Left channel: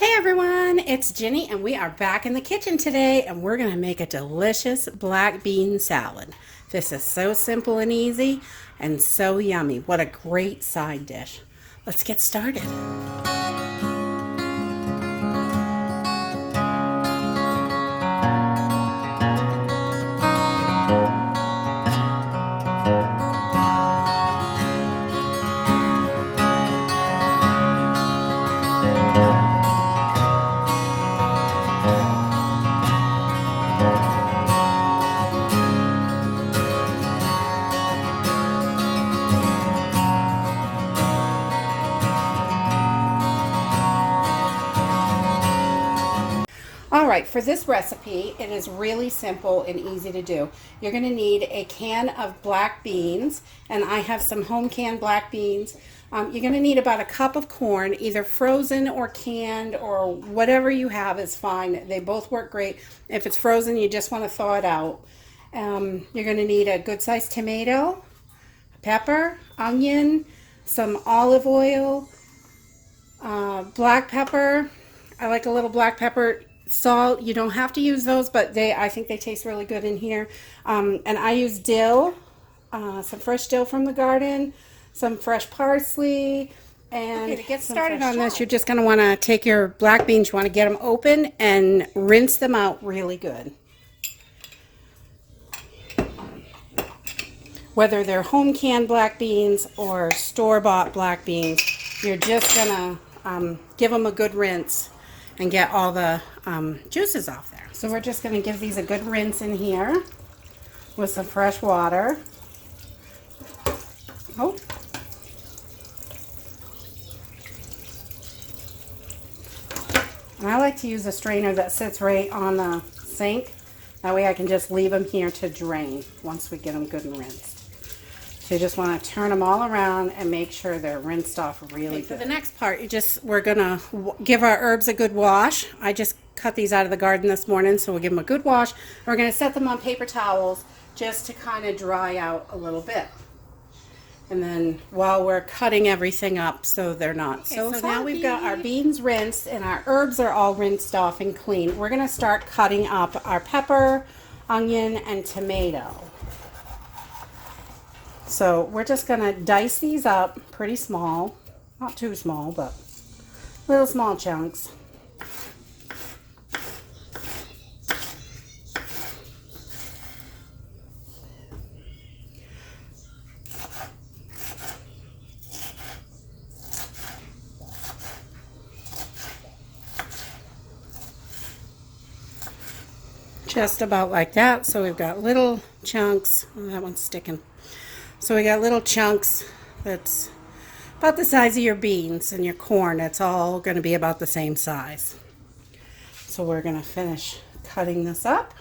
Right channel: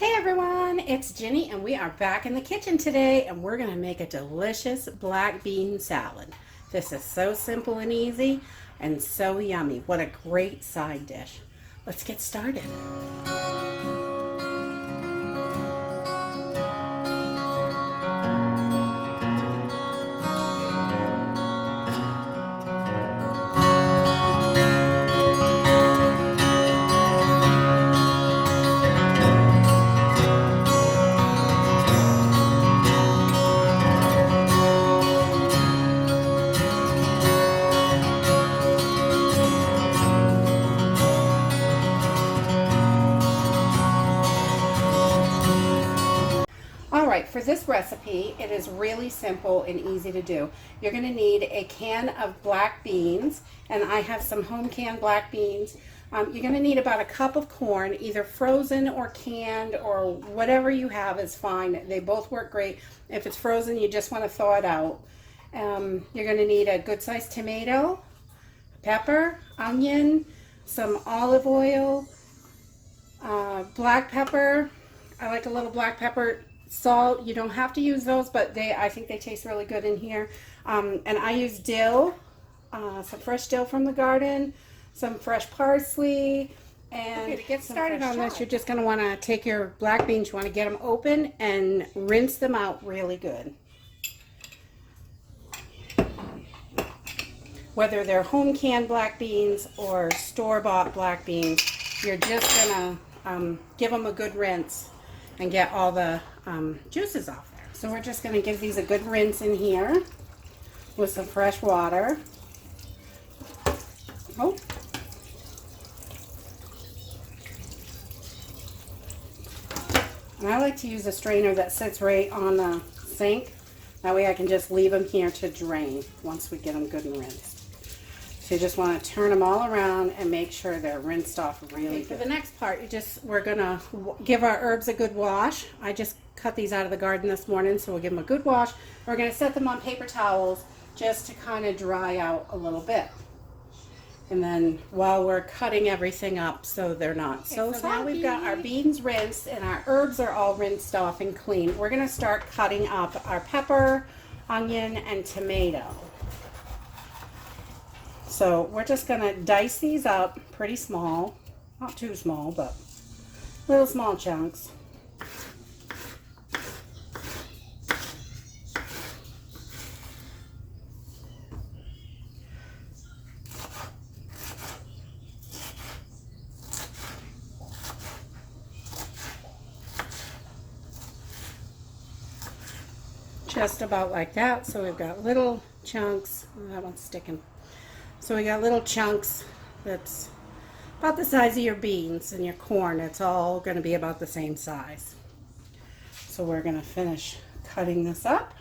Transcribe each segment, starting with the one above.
Hey everyone, it's Jenny and we are back in the kitchen today and we're going to make a delicious black bean salad. This is so simple and easy and so yummy. What a great side dish. Let's get started. All right, for this recipe, it is really simple and easy to do. You're going to need a can of black beans, and I have some home canned black beans. You're going to need about a cup of corn, either frozen or canned or whatever you have is fine. They both work great. If it's frozen, you just want to thaw it out. You're going to need a good-sized tomato, pepper, onion, some olive oil, black pepper. I like a little black pepper. Salt, you don't have to use those, but I think they taste really good in here. And I use dill, some fresh dill from the garden, some fresh parsley. And okay, to get started on this, you're just going to want to take your black beans, you want to get them open and rinse them out really good. Whether they're home canned black beans or store-bought black beans, you're just going to give them a good rinse and get all the juices off there. So we're just going to give these a good rinse in here with some fresh water. Oh. And I like to use a strainer that sits right on the sink. That way I can just leave them here to drain once we get them good and rinsed. So you just want to turn them all around and make sure they're rinsed off really good. For the next part, we're going to give our herbs a good wash. I just cut these out of the garden this morning, so we'll give them a good wash. We're going to set them on paper towels just to kind of dry out a little bit. And then while we're cutting everything up so they're not so soggy. Now we've got our beans rinsed and our herbs are all rinsed off and clean. We're going to start cutting up our pepper, onion, and tomato. So we're just going to dice these up pretty small, not too small, but little small chunks. Just about like that. So we've got little chunks. Oh, that one's sticking. So we got little chunks that's about the size of your beans and your corn. It's all going to be about the same size. So we're going to finish cutting this up.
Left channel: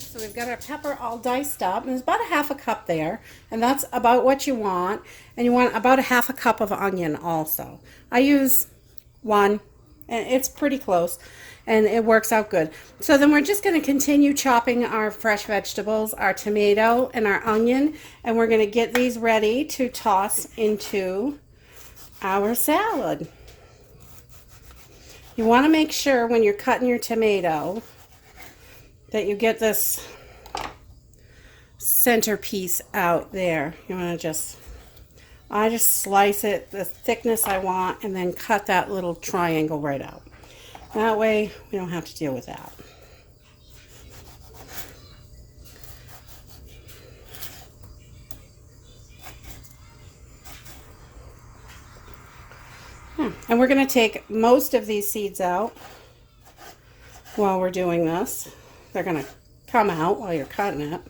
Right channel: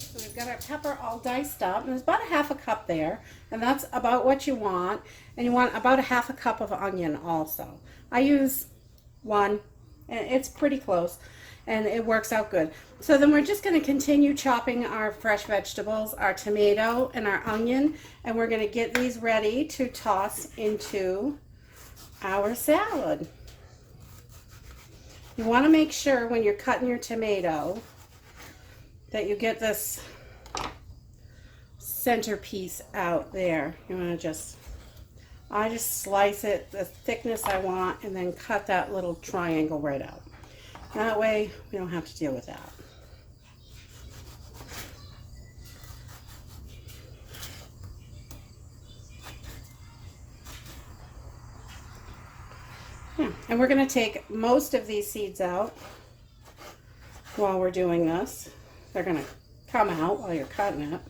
So we've got our pepper all diced up, and there's about a half a cup there, and that's about what you want. And you want about a half a cup of onion also. I use one, and it's pretty close, and it works out good. So then we're just going to continue chopping our fresh vegetables, our tomato and our onion, and we're going to get these ready to toss into our salad. You want to make sure when you're cutting your tomato that you get this centerpiece out there. You want to I just slice it the thickness I want and then cut that little triangle right out. That way we don't have to deal with that. And we're going to take most of these seeds out while we're doing this. They're going to come out while you're cutting it.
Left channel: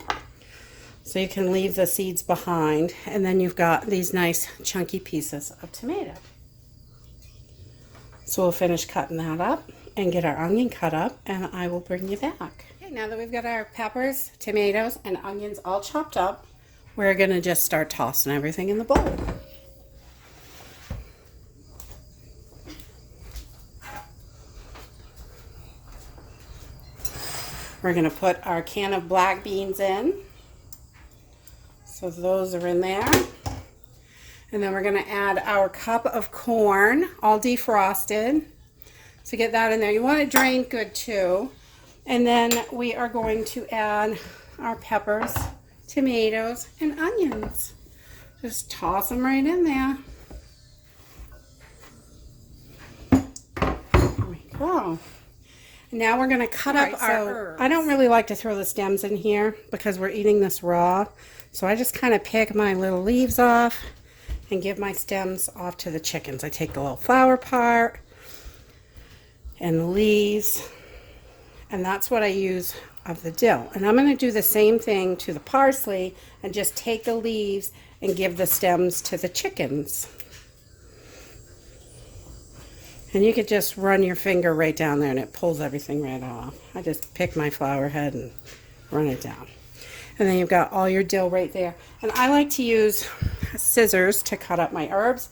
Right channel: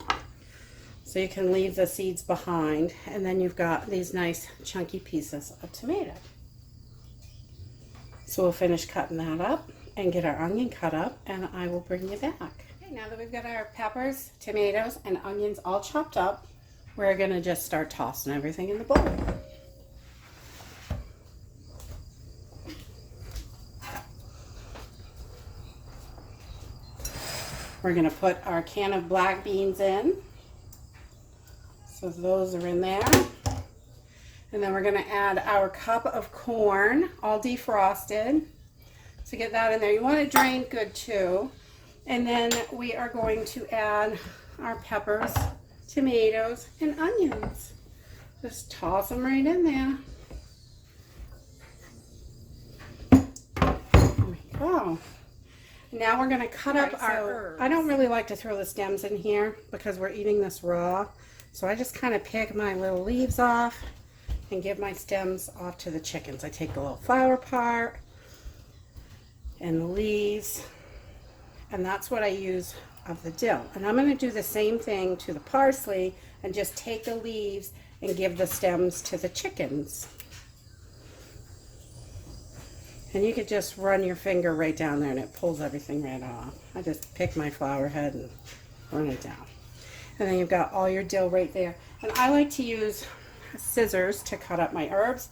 So you can leave the seeds behind, and then you've got these nice chunky pieces of tomato. So we'll finish cutting that up and get our onion cut up, and I will bring you back. Okay, now that we've got our peppers, tomatoes, and onions all chopped up, we're going to just start tossing everything in the bowl. We're going to put our can of black beans in. So those are in there. And then we're going to add our cup of corn, all defrosted. So get that in there. You want it drained good too. And then we are going to add our peppers, tomatoes, and onions. Just toss them right in there. There we go. Now we're going to cut up our herbs. I don't really like to throw the stems in here because we're eating this raw. So I just kind of pick my little leaves off and give my stems off to the chickens. I take the little flower part and leaves, and that's what I use of the dill. And I'm going to do the same thing to the parsley and just take the leaves and give the stems to the chickens. And you could just run your finger right down there and it pulls everything right off. I just pick my flower head and run it down. And then you've got all your dill right there. And I like to use scissors to cut up my herbs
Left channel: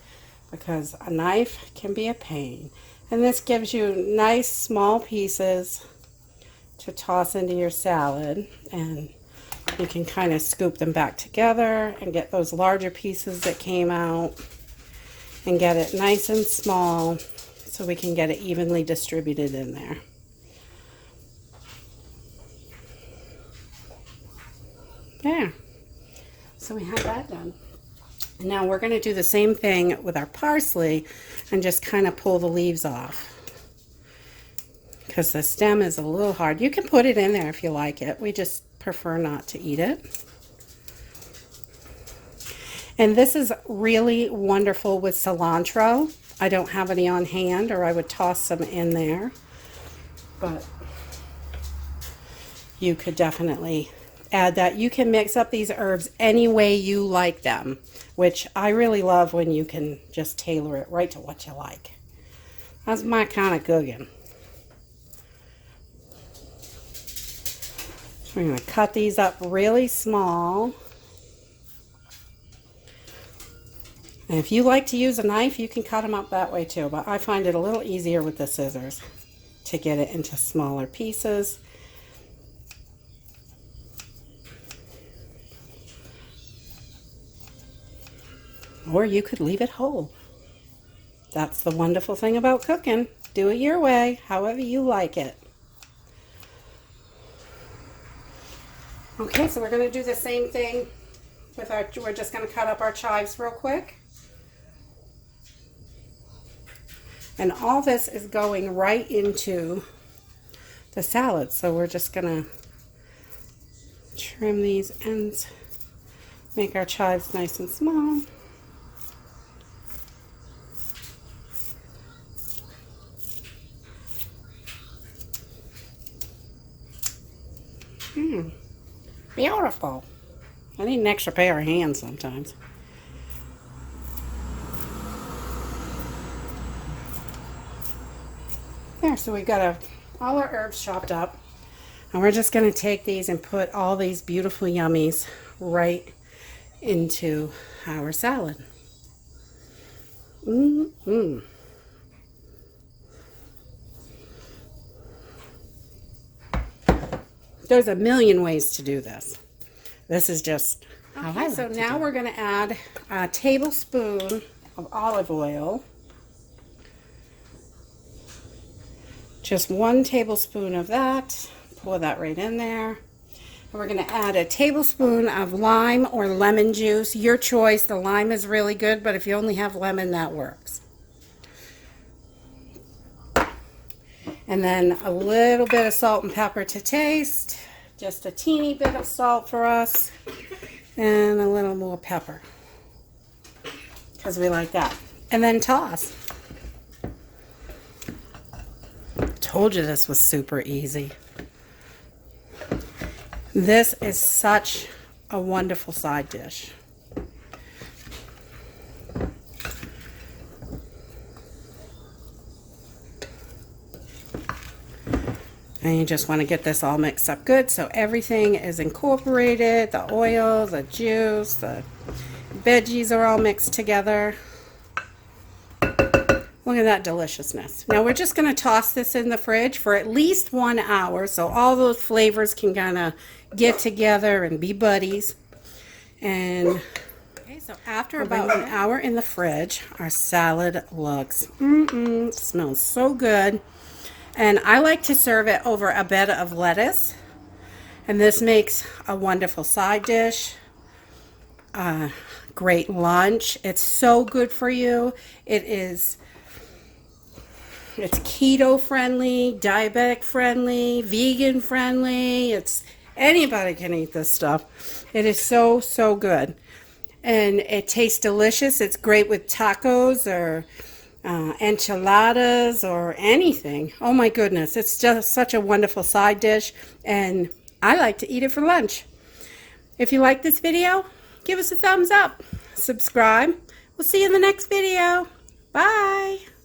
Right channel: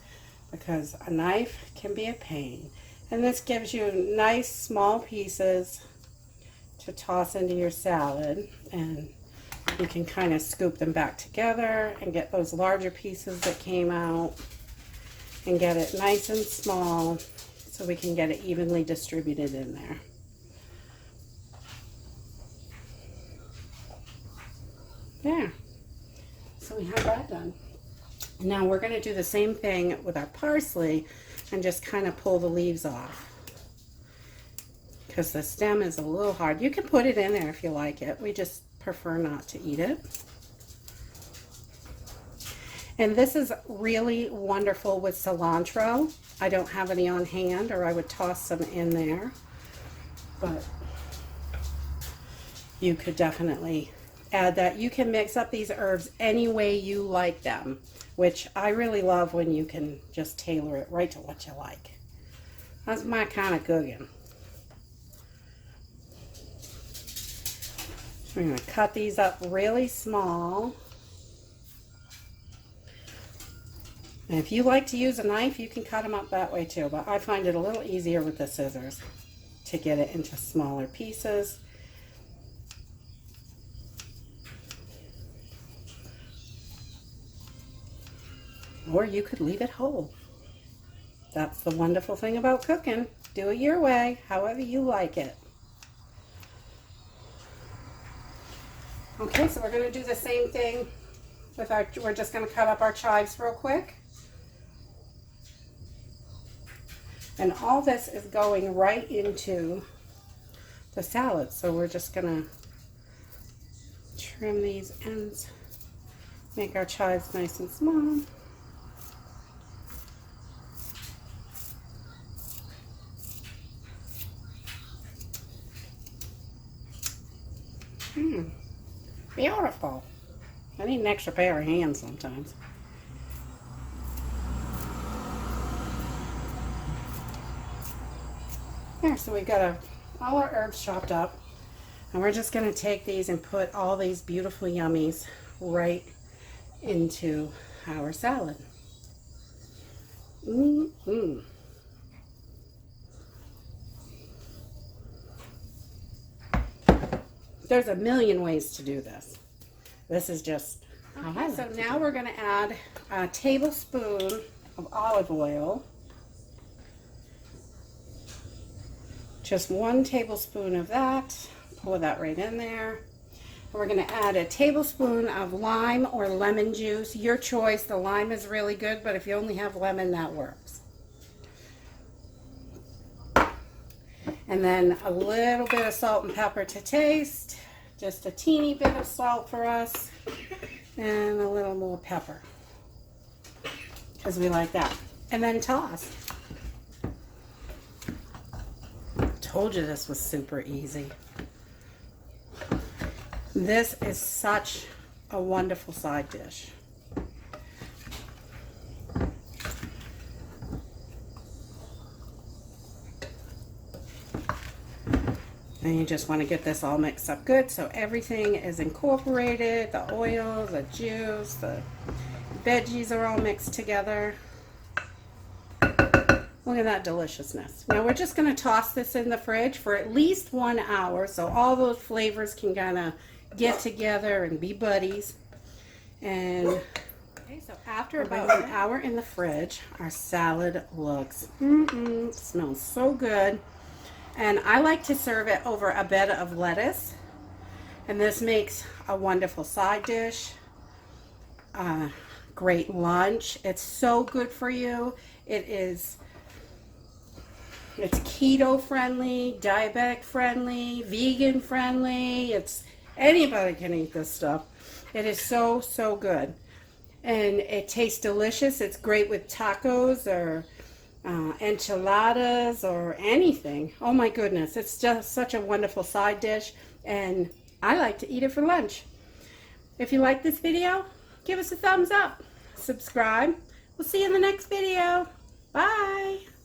because a knife can be a pain. And this gives you nice small pieces to toss into your salad. And you can kind of scoop them back together and get those larger pieces that came out and get it nice and small so we can get it evenly distributed in there. There. So we have that done. And now we're going to do the same thing with our parsley and just kind of pull the leaves off because the stem is a little hard. You can put it in there if you like it. We just prefer not to eat it. And this is really wonderful with cilantro. I don't have any on hand, or I would toss some in there, but you could definitely add that. You can mix up these herbs any way you like them, which I really love when you can just tailor it right to what you like. That's my kind of cooking. So we're going to cut these up really small. And if you like to use a knife, you can cut them up that way too, but I find it a little easier with the scissors to get it into smaller pieces. Or you could leave it whole. That's the wonderful thing about cooking. Do it your way, however you like it. Okay, so we're going to do the same thing with our, we're just going to cut up our chives real quick. And all this is going right into the salad. So we're just going to trim these ends, make our chives nice and small. Beautiful. I need an extra pair of hands sometimes. There, so we've got all our herbs chopped up. And we're just going to take these and put all these beautiful yummies right into our salad. There's a million ways to do this. This is just how I like to do it. So now we're going to add a tablespoon of olive oil. Just 1 tablespoon of that. Pour that right in there. And we're going to add a tablespoon of lime or lemon juice. Your choice. The lime is really good, but if you only have lemon, that works. And then a little bit of salt and pepper to taste. Just a teeny bit of salt for us. And a little more pepper. Because we like that. And then toss. Told you this was super easy. This is such a wonderful side dish. And you just want to get this all mixed up good so everything is incorporated. The oil, the juice, the veggies are all mixed together. Look at that deliciousness. Now we're just going to toss this in the fridge for at least 1 hour so all those flavors can kind of get together and be buddies. And okay, so after about an hour in the fridge, our salad looks, smells so good. And I like to serve it over a bed of lettuce. And this makes a wonderful side dish. Great lunch. It's so good for you. It's keto friendly, diabetic friendly, vegan friendly. Anybody can eat this stuff. It is so, so good. And it tastes delicious. It's great with tacos or enchiladas or anything. Oh my goodness. It's just such a wonderful side dish. And I like to eat it for lunch. If you like this video, give us a thumbs up. Subscribe. We'll see you in the next video. Bye.